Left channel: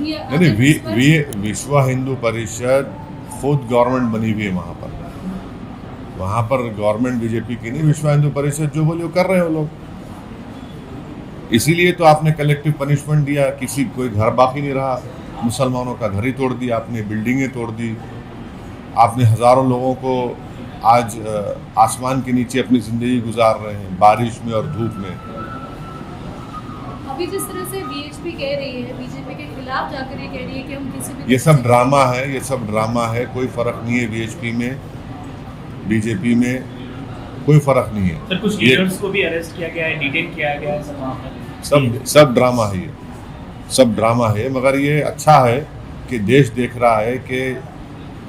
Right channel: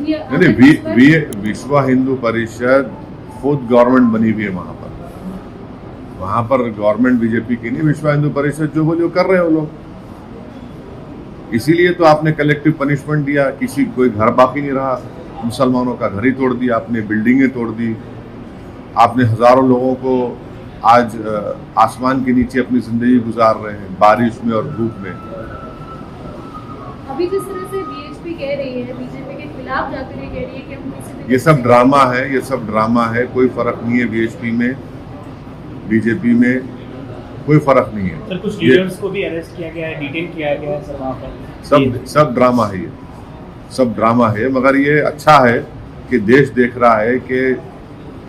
विश्व हिंदू परिषद खुद गवर्नमेंट बनी हुई है वहाँ पर गवर्नमेंट बीजेपी की नहीं, विश्व हिंदू परिषद जो बोले वो कर रहे हो लोग। इसीलिए तो आपने कलेक्टिव पनिशमेंट दिया, किसी कोई घर बाकी नहीं रहा, मुसलमानों का घर ही तोड़ दिया आपने, बिल्डिंगें तोड़ दी आपने, हजारों लोगों को आज आसमान के नीचे अपनी जिंदगी गुजार रहे हैं बारिश में और धूप में। अभी जिस तरह से बीएचपी कह रही है, बीजेपी के खिलाफ जाकर ये कह रही है कि हम किसी भी, ये सब ड्रामा है, ये सब ड्रामा है, कोई फर्क नहीं है बीएचपी में, बीजेपी में कोई फर्क नहीं है। सर कुछ लीडर्स को भी अरेस्ट किया गया है, डिटेन किया गया है सर वहाँ पर। सब ड्रामा है, ये सब ड्रामा है। मगर ये अच्छा है कि देश देख रहा है कि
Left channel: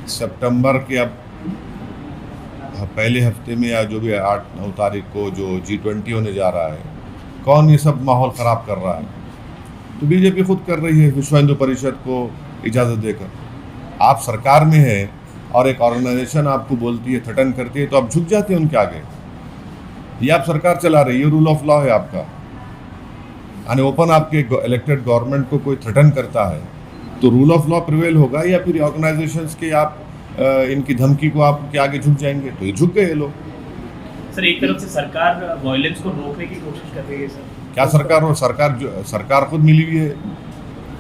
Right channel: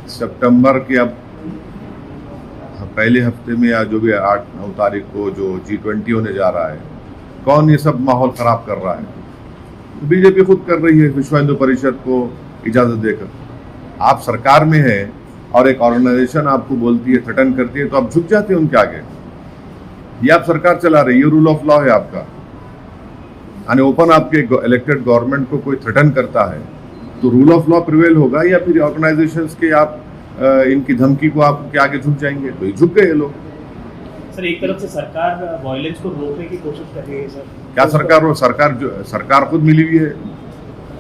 सितंबर के अब पहले हफ्ते में या जो भी 8-9 तारीख को जो G20 होने जा रहा है, कौन ये सब माहौल ख़राब कर रहा है? तो बीजेपी खुद कर रही है विश्व हिंदू परिषद को इजाज़त देकर। आप सरकार में हैं और एक ऑर्गेनाइजेशन आपको बोलती है, थ्रेटन करती है, तो आप झुक जाते हैं उनके आगे। ये आप सरकार चला रही है, रूल ऑफ लॉ है आपका। यानी ओपन आपके इलेक्टेड गवर्नमेंट को कोई थ्रेटन करता है तो रूल ऑफ लॉ प्रिवेल होगा, या फिर ऑर्गेनाइजेशंस के आप इनकी धमकी को आप के आगे झुक जाएंगे? तो ये झुक गए लोग। सर एक तरफ से सरकार वायलेंस को रोकने की कोशिश कर रही है सर। क्या सरकार खुद मिली हुई है,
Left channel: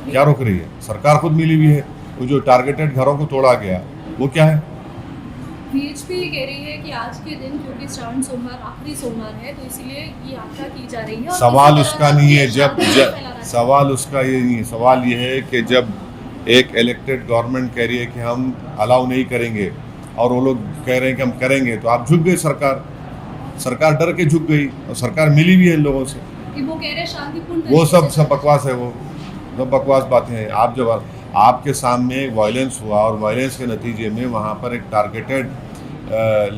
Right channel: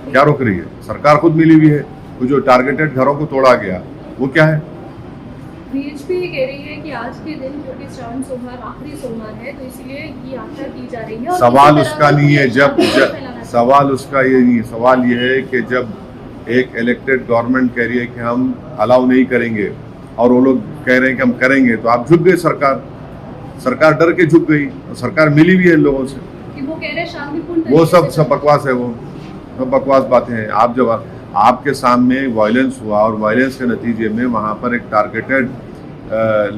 क्या रोक रही है? सरकार खुद मिली हुई है। वो जो टारगेटेड घरों को तोड़ा गया वो क्या है? बीएचपी ये कह रही है कि आज के दिन क्योंकि श्रावण सोमवार आखिरी सोमवार है तो इसलिए ये यात्रा की जा रही है। सवाल उसका नहीं है, सवाल उसका ये नहीं है, सवाल ये है कि जब एक इलेक्टेड गवर्नमेंट कह रही है कि हम अलाउ नहीं करेंगे और वो लोग कह रहे हैं कि हम करेंगे, तो आप झुक गए। सरकार डर के झुक गई, और सरकार मिली भी है इन लोगों से कि वो कह रहे हैं शांतिपूर्ण। वो सब बकवास है, वो सब बकवास बातें हैं। आप जब आपके सामने वायलेंस हुआ और वायलेंस के नतीजे में वहाँ पर एक टारगेटेड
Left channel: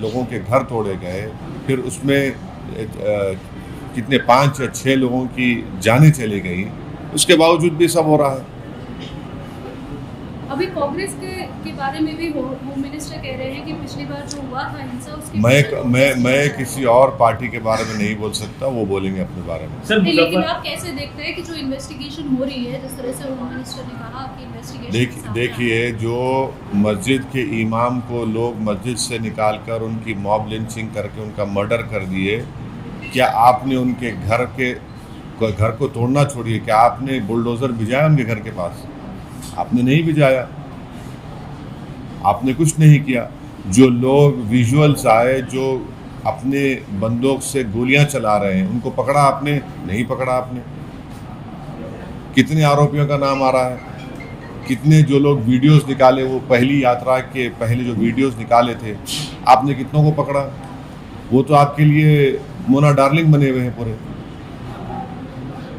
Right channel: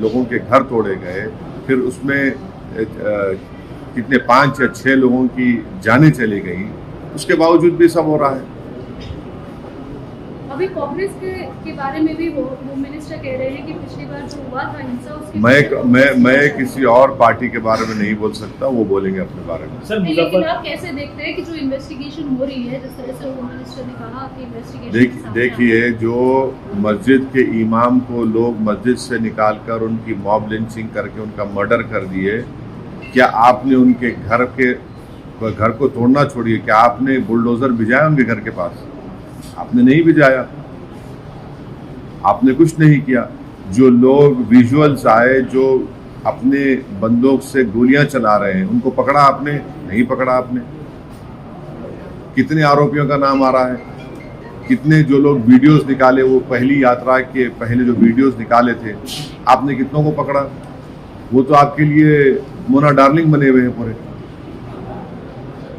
लोगों के घर तोड़े गए, फिर उसमें कितने 5 या 6 लोगों की जानें चली गई, उसके बावजूद भी सब हो रहा है। अभी कांग्रेस के बारे में भी होम मिनिस्टर कह रहे हैं कि पिछली बार जो हुआ था हिंसा, उसके मैं किसी और पार्टी के बारे में नहीं बोल सकता, वो बोलेंगे अपने बारे में। सर लेकिन आप कैसे देखते हैं कि जो इन्वेस्टिगेशन हो रही है, जिस तरह से होम मिनिस्टर ने कहा कि इन्वेस्टिगेशन, देखिए जो मस्जिद के इमाम को लोग मस्जिद से निकालकर उनकी मॉब लिंचिंग करके उनका मर्डर कर दिए, क्या आपने उनके घर को तोड़ना छोड़िए, क्या आपने बुलडोजर भिजाया उनके घर के पास? आपने नहीं भिजाया, आपने कुछ नहीं किया। जो लोग विजुअल्स आए जो अपने बंदूक से गोलियां चला रहे हैं, उनको पकड़ा आपने? नहीं पकड़ा आपने। कितने आरोपियों का नाम आ रहा है, कितने जो लोग वीडियोस निकाले, वो पहली यात्रा के पहले जो वीडियोस निकाले थे, आपने कितनों को पकड़ा? वो तो आपके लिए मोना डार्लिंग बने हुए हैं पूरे।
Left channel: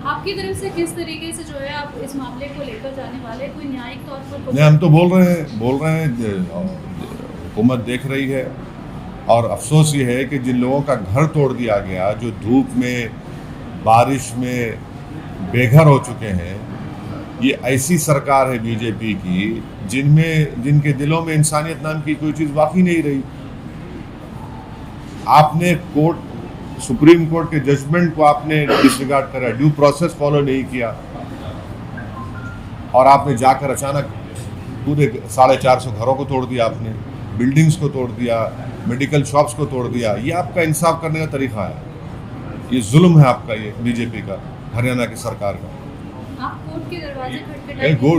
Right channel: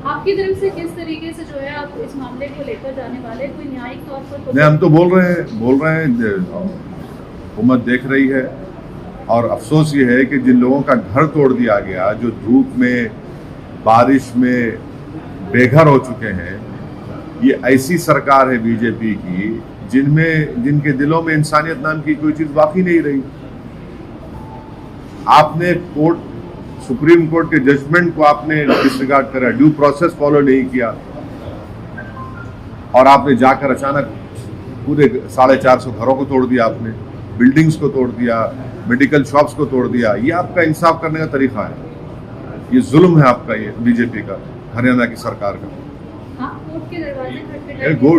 आपकी तरफ से किस तरीके से जो है आप इस मामले को लेकर जाने वाले, कोई न्यायिक तौर पर? नहीं, हम तो बोल रहे हैं हुकूमत देख रही है, और अफसोस ये है कि जिन लोगों का घर तोड़ दिया गया, जो धूप में बारिश में बेघर हो चुके हैं, ये ऐसी सरकार है बीजेपी की जिनके दिलों में इंसानियत नाम की कोई चीज़ बाकी नहीं रही। आपने सुप्रीम कोर्ट के जजमेंट को आपने डिसरिगार्ड करा, ड्यू प्रोसेस फॉलो नहीं किया, और आपने जाकर अचानक पूरे 450 घरों को तोड़ दिया, आपने बिल्डिंग्स को तोड़ दिया, मेडिकल शॉप्स को तोड़ दिया। ये आपका इंसाफ करने का तरीका है? ये जुल्म है आपका, ये बीजेपी का, हरियाणा की सरकार का। आप कोर्ट के दरवाजे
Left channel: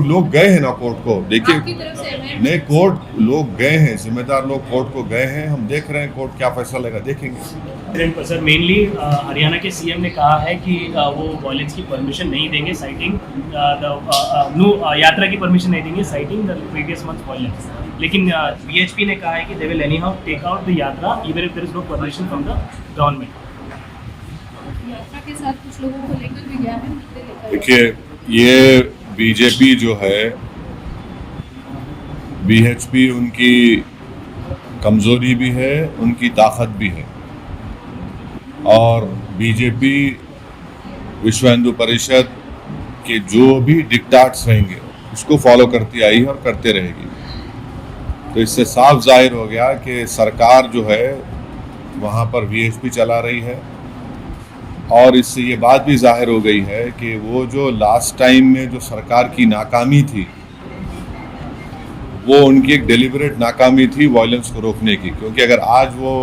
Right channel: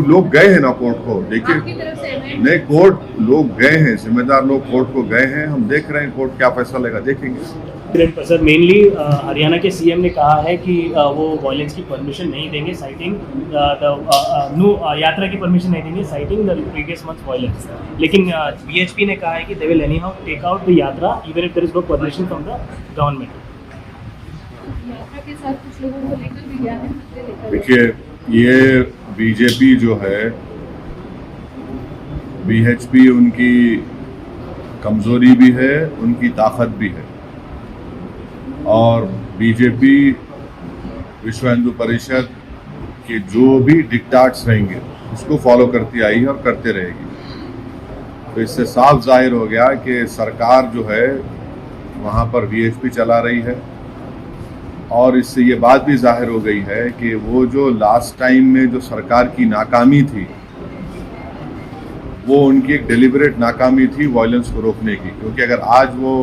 लोग गए हैं ना कोर्ट को, देखिए नहीं, कोर्ट लोग गए हैं, जिम्मेदार लोग कोर्ट को गए हैं, हम देख रहे हैं कोर्ट क्या फैसला लेगा, देखेंगे। सर मेनली हरियाणा के सीएम ने कहा है कि वो वायलेंस की परमिशन नहीं देंगे, साइटिंग यात्रा की परमिशन नहीं देंगे, citing the previous month violence. लेकिन बीएचपी ने कहा है कि they will anyhow take out the yatra even if there is no permission from the government. यात्रा के साथ कुछ लोगों को लेकर भी गया है। देखिए, ये बीजेपी जो है, बीएचपी उनकी कमजोरी भी है, उनकी ताकत भी है, और बीजेपी विश्व हिंदू परिषद के जो भी डिक्टाट्स रहेंगे उसको फॉलो करती आई है और करते रहेगी। तो इससे साफ जाहिर हो गया कि सरकार जो है वहाँ पर वीएचपी चला रही है, और इससे ये बात भी जाहिर हो गई है कि वो जो लास्ट टाइम में जो सरकार की नाकामी थी, वो उनकी एक डेलिबरेट नाकामी थी वायलेंस को रोकने की। क्योंकि अगर आज वो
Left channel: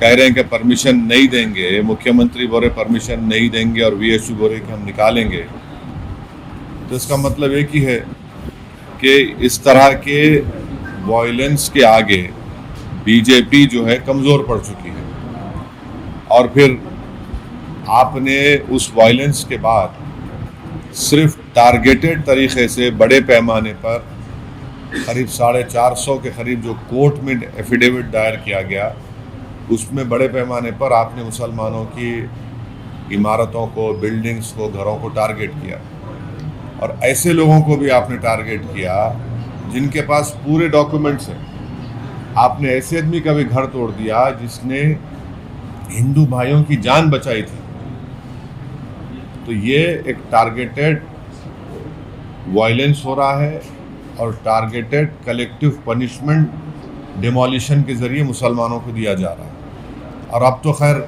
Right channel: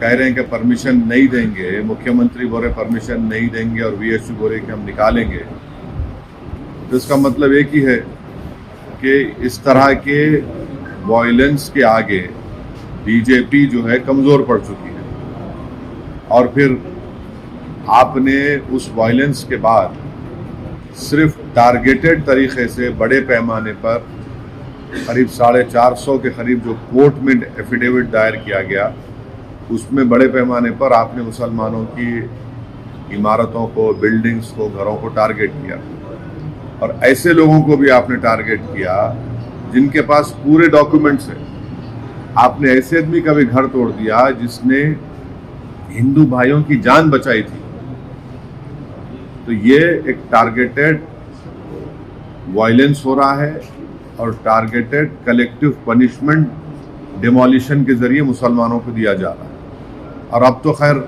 कह रहे हैं कि परमिशन नहीं देंगे, मुख्यमंत्री बोले परमिशन नहीं देंगे और वीएचपी बोले कि हम निकालेंगे, तो इसका मतलब एक ही है कि इस तरह के वायलेंस के आगे बीजेपी जो है कमज़ोर पड़ चुकी है। और फिर आपने उस वायलेंस के बाद सिर्फ टारगेटेड तरीके से बड़े पैमाने पर करीब 450 के करीब जो कोर्ट में एफिडेविट दायर किया गया, उसमें बड़े पैमाने पर आपने मुसलमानों की इमारतों को, बिल्डिंग्स को, घरों को टारगेट किया। और ऐसे लोगों को भी आपने टारगेट किया जिनके पास पूरे डॉक्यूमेंट्स हैं। आपने ऐसे आदमी का भी घर तोड़ दिया जिसने हिंदू भाइयों की जान बचाई थी। तो ये एक टारगेटेड वायलेंस हो रहा है और टारगेटेड कलेक्टिव पनिशमेंट डिमोलिशन के ज़रिए मुसलमानों को दिया जा रहा है। और अब तो खैर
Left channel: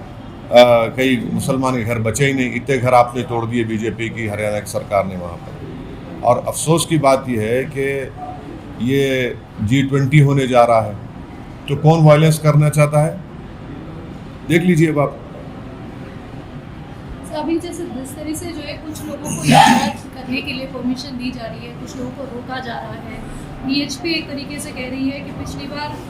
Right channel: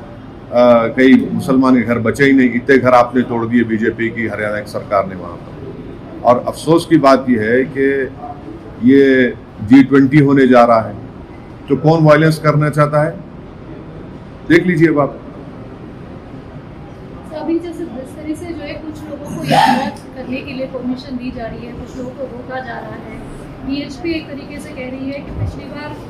कई मुसलमान के घर बचे ही नहीं, इतने घर आपने तोड़ दिए बीजेपी की हरियाणा की सरकार ने वहाँ पर। और अफसोस की बात यह है कि ये G20 होने जा रहा है, तो कौन वायलेंस करना चाहता है देख लीजिए अब आप। अभी जैसे जिस तरह से जो है कुछ लोगों को यात्रा करने के लिए परमिशन दी जा रही है, कुछ लोगों को रोका जा रहा है। वीएचपी एक तरीके से कह रही है कि पिछली बार